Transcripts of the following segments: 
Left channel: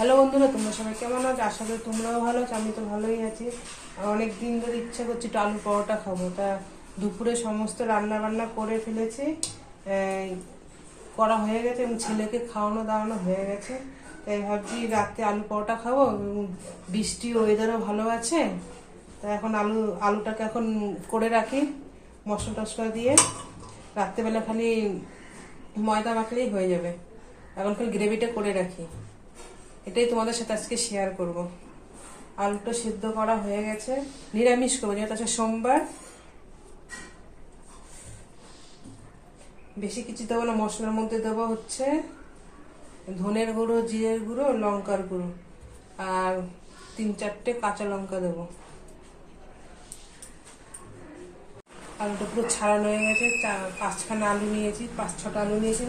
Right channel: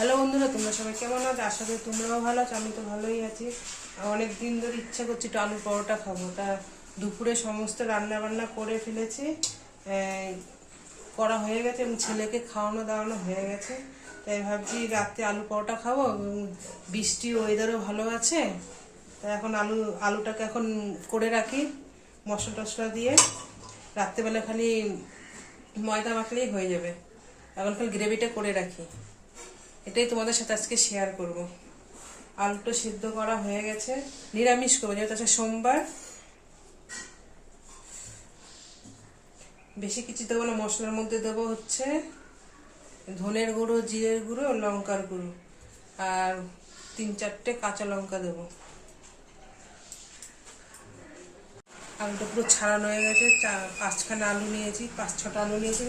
Hello বন্ধুরা, তোমরা সবাই কেমন আছো? আশা করি তোমরাও ভালো আছো, আমি তো ভালোই আছি। অনেক দিন ধরে ইচ্ছে করছি একটু আলু পরোটা খাব। তা দুপুরে সমস্ত রান্না বান্না করে ফেলেছি। করা হয়ে গেছে এবং ছেলেকে খাওয়ানো দাওয়ানো হয়ে গেছে। তাই ভাবছি রাতে আলু পরোটা খাব বৃষ্টি ওয়েদারও ভালো আছে। তা এখন আলু, আলুটাকে এখন করে রাখি মশলা টশলা দিয়ে। রাত্রেবেলা খালি ময়দা মাখলেই হয়ে যাবে। এখন খালি গ্রেভিটা করে রাখি। এটাই তোমাদের সাথে আজকে শেয়ার করব। আলুটা সিদ্ধ করা হয়ে গেছে। নিরামিষ করব, যেহেতু আছে সোমবার। বেশি কিছু দেবো না, মশলার মধ্যে দেবো হচ্ছে ধনের গুঁড়ো, জিরের গুঁড়ো, লঙ্কার গুঁড়ো। আর তিন চারটে কাঁচা লঙ্কা দেবো। আলুটা পুরো ছাড়ানো হয়ে গেছে। পাঁচখানা আলু নিয়েছি পাঁচ ছটা আলু নিয়েছি।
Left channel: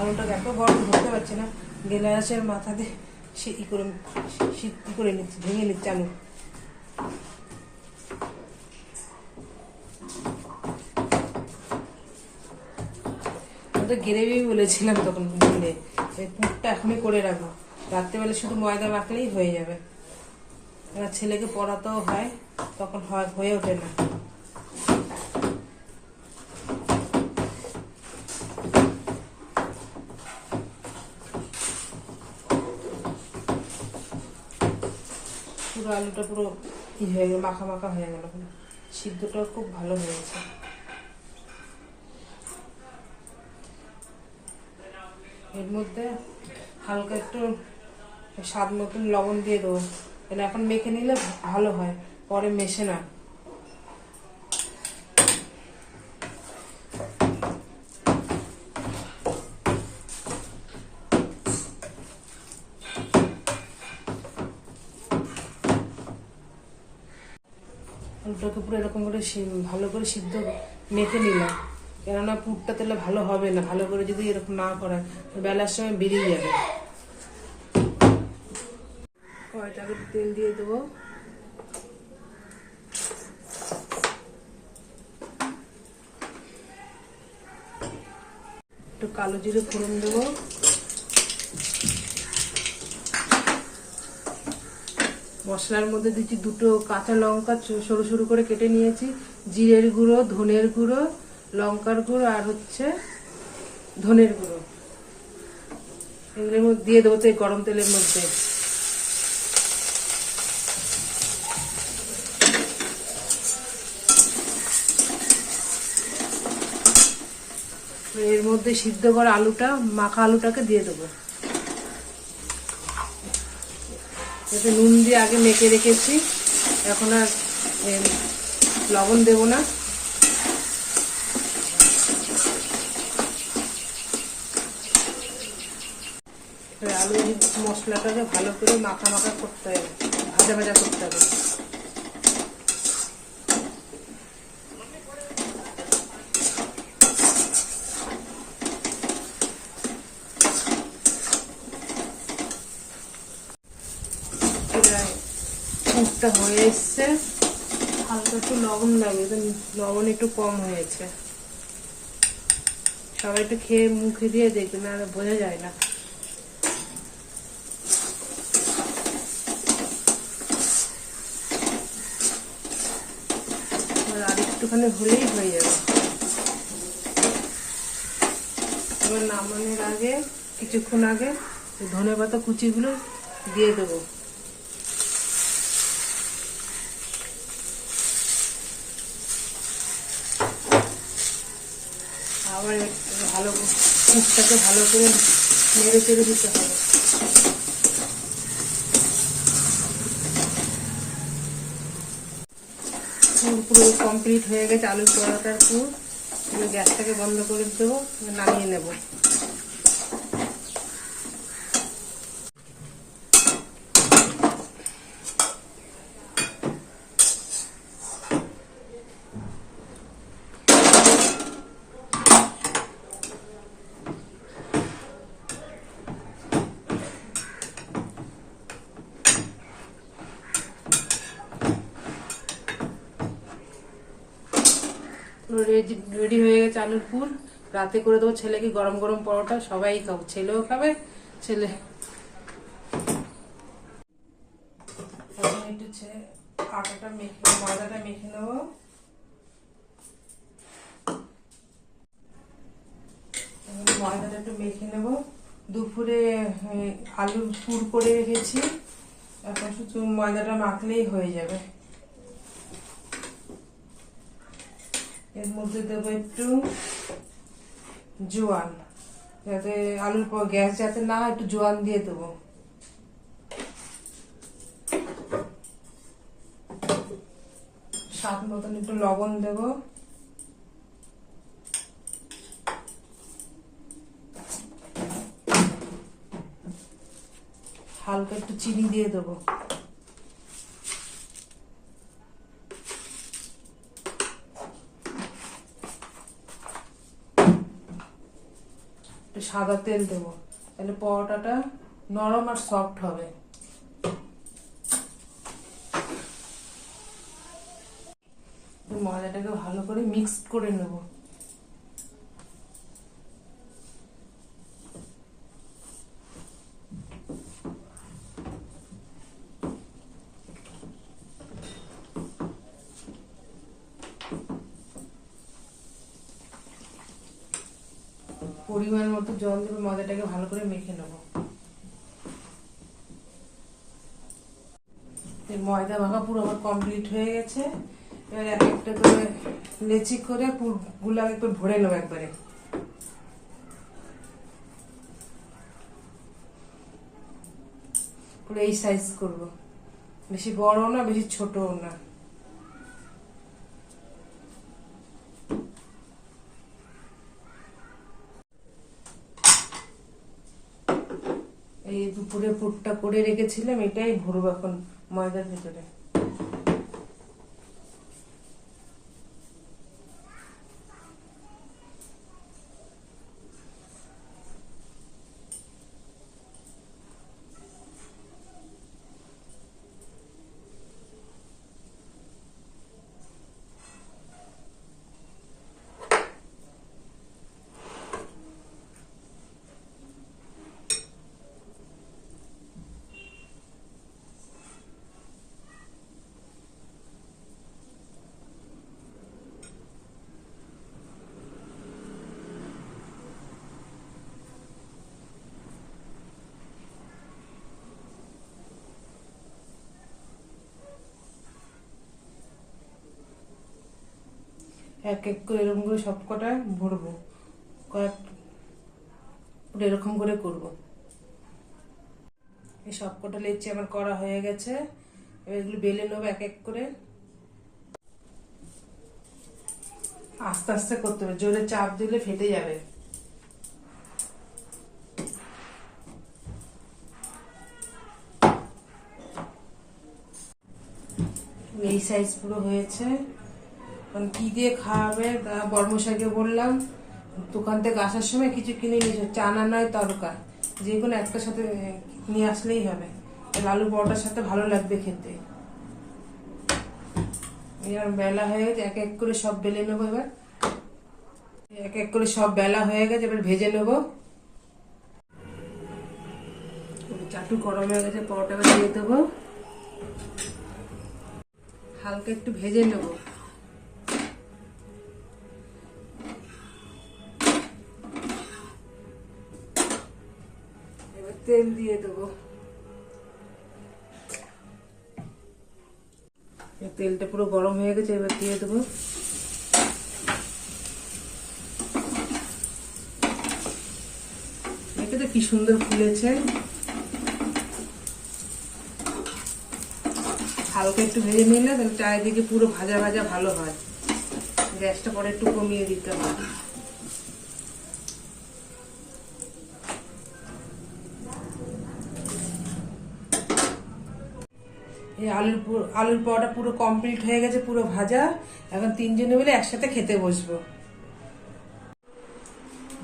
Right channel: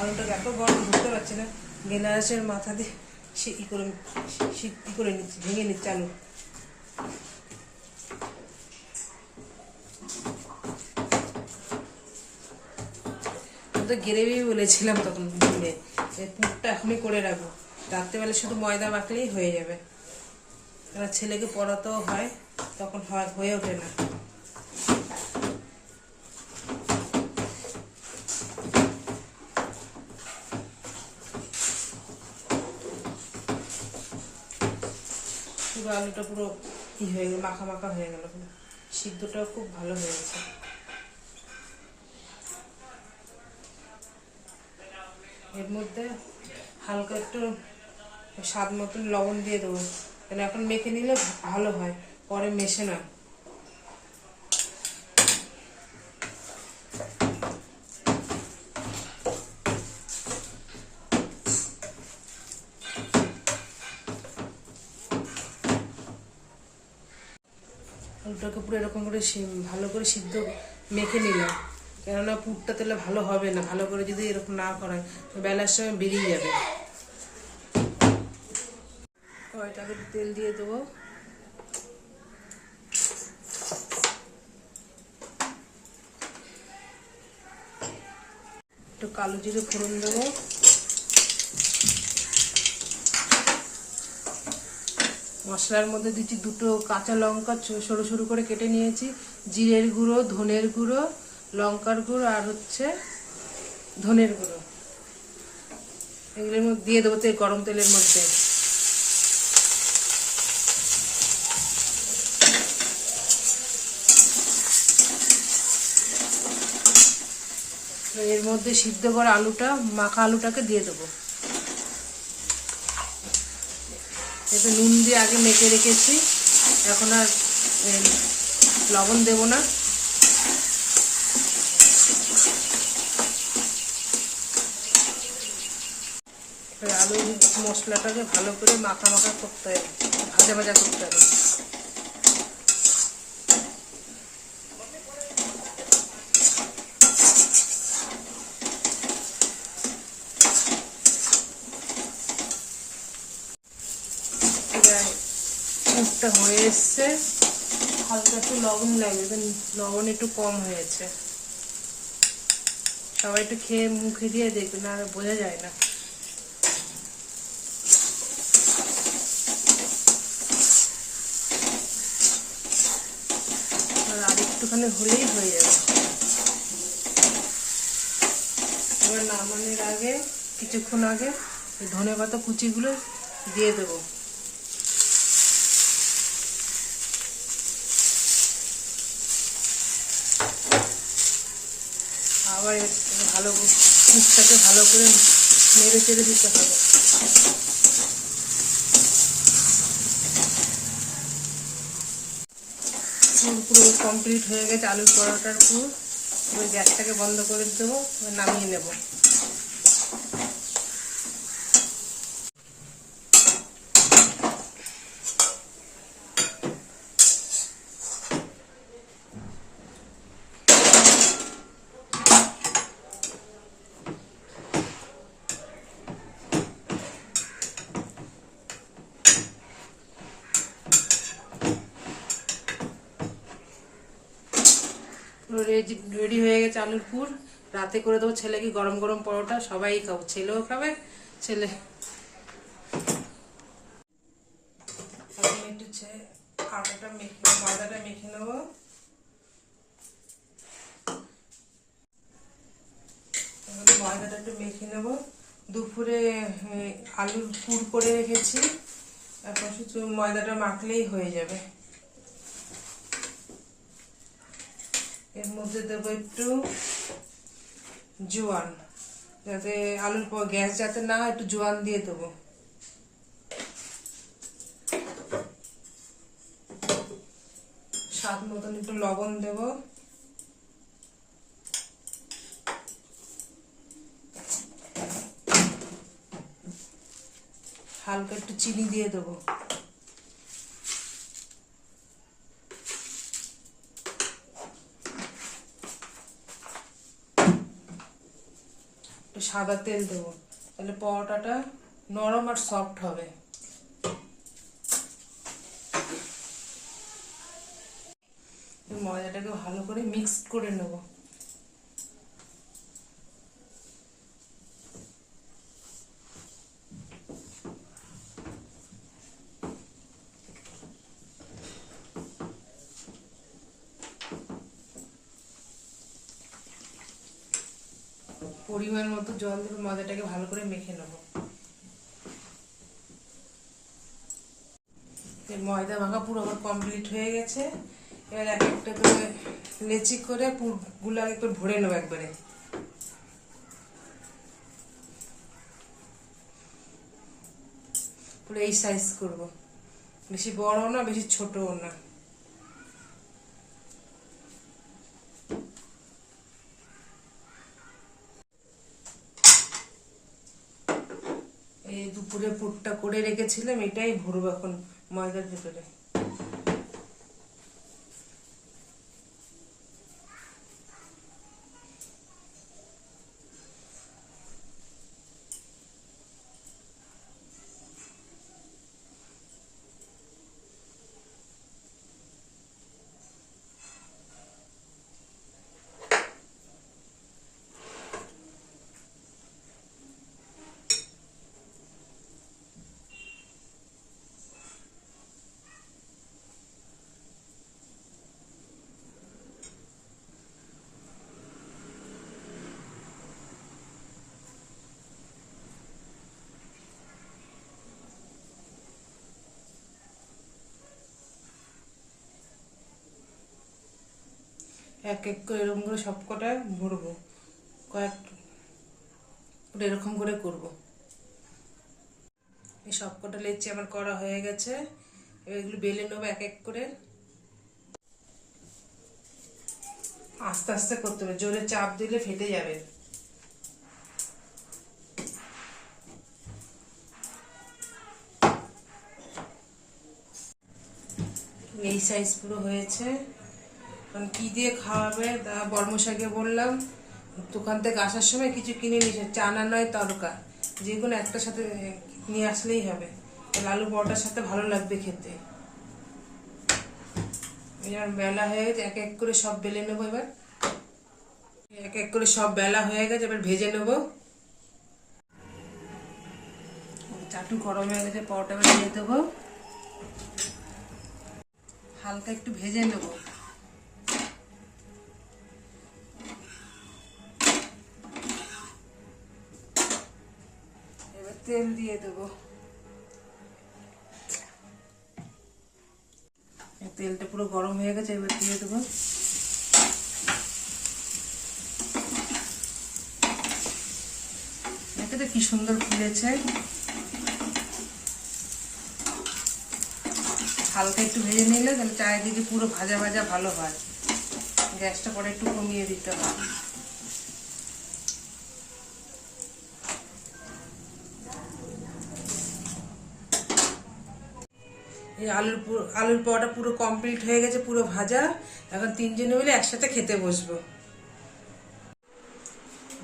আলুটা এত গরম ধরতে পারছি না। গেলাসের মাথা দিয়ে সে ই করে সে ই করে নিচ্ছে, ভেঙে নিচ্ছে আলু। তো গ্রেভি বলেছিলাম তখন ভেঙে পুরটা এখনই করে রাখব। রাত্রেবেলা শুধু ময়দা মাখলেই হয়ে যাবে। এবার ছেলেকে পড়াতেও হয়, তখন হয়, হয়ে ওঠে না। পুরো আলুটা পুরো ই হয়ে গেল, মাখা মাখা হয়ে গেল সিদ্ধটাও খুব ভালো হয়েছে। এর মধ্যে হালকা একটু স্বাদ মতন লবণ দিয়ে দেবো। এখন মেখে নিলে ভালো হয়, পরে মেশে না। আলুটাকে পুরো এরকম করে ভালো করে সিদ্ধ মেখে নিলাম। কেননা পুরটা তাহলে ভালো হবে না, ভালো করে যদি এরকম না করে বেলার সময় বেরিয়ে যাবে। তেল দিয়ে দেবো। একটু কালো জিরে ফোড়ন দেবো। মশলার মধ্যে দিচ্ছি দুটো কাঁচা লঙ্কা সরু সরু করে কেটে নিয়েছি। জিরের গুঁড়ো, ধনের গুঁড়ো, লঙ্কার গুঁড়ো আর হচ্ছে ধনের গুঁড়ো। এগুলোর মধ্যে দিয়ে দেবো তো এই গরম তেলের মধ্যে। এর মধ্যে সিদ্ধ করা আলুটা, মাখা আলুটাকে দিয়ে দেবো। এতে নুন দিয়ে আগে মেখে রেখেছি। এখন আর লবণ দেব না। আলু মশলাটাকে ভালো করে মাখা মাখা করতে হবে। ভাজা ভাজা করতে হবে। পুরটা হয়ে এসছে হালকা একটু লবণ লাগবে তো লবণ একটু কম হয়েছে। সবাই একটু খেয়ে মুখে দিয়ে দেখবে, না বোঝা যায় না। আর আর একটুখানি হলেই হয়ে যাবে। এবার নামানোর আগে, কিছুক্ষণ আগে ধনে পাতা কুচিগুলো দিয়ে দেবো। আবার ভালো মুখটাকে ভালো করে মেরে চেড়ে দিতে হবে। পুরো কমপ্লিট হয়ে গেছে আলুর পরোটার পুর। ওই গ্যাসটাকে বন্ধ করে দেবো নামিয়ে নেব। রেডি রেডি হয়ে গেছে আলুর পুর। রাতে করে দেবো ছেলেকে গরম গরম পরোটা, সবাই খাব। ছেলেও খাবে, ছেলে। একটু আটাটা মেখে ময়দাটা মেখে নেব। ময়দাটা একটু মেখে নেব। দুপুরে আলুর পুর করে রেখেছি। এখন শুধু ময়দাটা মাখলেই হয়ে যাবে। এর মধ্যে দেবো একটু জোয়ান, যাতে আলুর পর গ্যাস যাতে না একটু জোয়ান দিয়ে দেবো। স্বাদ মতন একটু লবণ দেবো। হালকা একটু চিনি দিয়ে দেবো একটু সাদা তেল দেব। তাহলে পরোটাটা নরম আর সফট হবে। ময়দাটাকে ভালো করে মিক্সড করে নেব। পরিমাণ মতো জল দেবে ময়দাটাকে ভালো করে মেখে নেব। ময়দা মাখা পুরো আমার কমপ্লিট হয়ে গেছে। এবার এক একটা করে লেচি করে পুরগুলো একবার ভরে নেব একবারে। পুরো এই সাইজ করব। বেশি বড় না, বেশি ছোটও না। এই দুপুরে পুরটা করে রেখেছিলাম এটাই ভরব এখন ময়দার ভেতরে। এক এক করে এরকম করে সব কটা ভরবো। কয়েক এরকম করে করব। এই সব কটা লেচি আমার করা হয়ে গেছে। এবার এগুলো বেলে নেব এক এক করে। আস্তে আস্তে করতে হবে। জোরে চাপ দিলে ফেটে যাবে। এই সাইজ পুরো হয়েছে। এখন কি দিয়ে খাওয়াবে? তা বর্মশাইকে বললাম, দোকান থেকে আসার সময় কিছু কিনে নিয়েছে, চানা নয়, তরকা। যে কোনো একটার সাথে নিয়ে আসলেই হবে। আলু পরোটার সাথে ভালো লাগবে খেতে। এবার বেলা হয়ে গেছে, এক এক করে সব বেলে নেব এবার। এক এক করে সব বেলা হয়ে গেছে, এবার ভেজে নেব। চাটু গরম হয়ে গেছে, পরোটা দিয়ে দেবো। হালকা একটু ভেজে নেব। তেল দিয়ে দেবো। তেলটা পুরো গরম হয়ে গেছে, এবার দিয়ে দেবো। কি সুন্দর ফুলেছে। হালকা একটু ভেজে নিলে তাহলে চারিদিকে পুরো ভাজা ভাজা ভালো হয়। গ্যাসটা পরে একটু কমিয়ে দিতে হবে। এই আলুর আলুর পরোটা পুরো কমপ্লিট হয়ে গেছে, পুরো ভাজা। এখন তিনজনে মিলে একসাথে খেতে বসবো।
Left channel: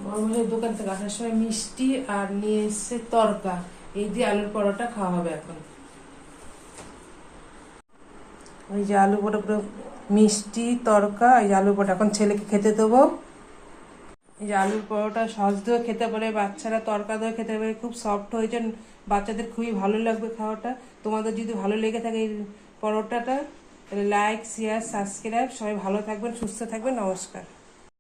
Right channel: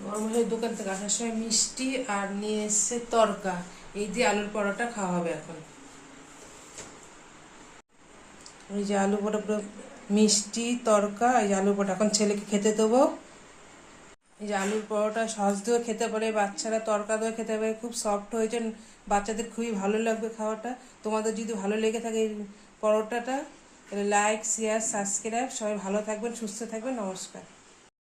বড় দোকান থেকে আসার সময় মিষ্টি আর নিয়ে এসছে তরকা। এই দিয়ে আলুর পরোটা খাওয়া হবে এখন। ওই যে আলু পরোটা পুরো মিষ্টি, তরকা, এই যে আলু পরোটা। এখন ছেলেকে খেতে দেবো। এই যে আলুর পরোটা সস দিয়েও খেতে পারে, বাচ্চারা তরকা দিয়েও খেতে পারে। খুব সফট হয়েছে। বাচ্চাদের খুবই ভালো লাগবে খাওয়াটা। তোমাদের যদি ভালো লেগে থাকে এই পরোটাটা লাইক শেয়ার সাবস্ক্রাইব সবাই ভালো থাকবেন, সুস্থ থাকবেন। নমস্কার।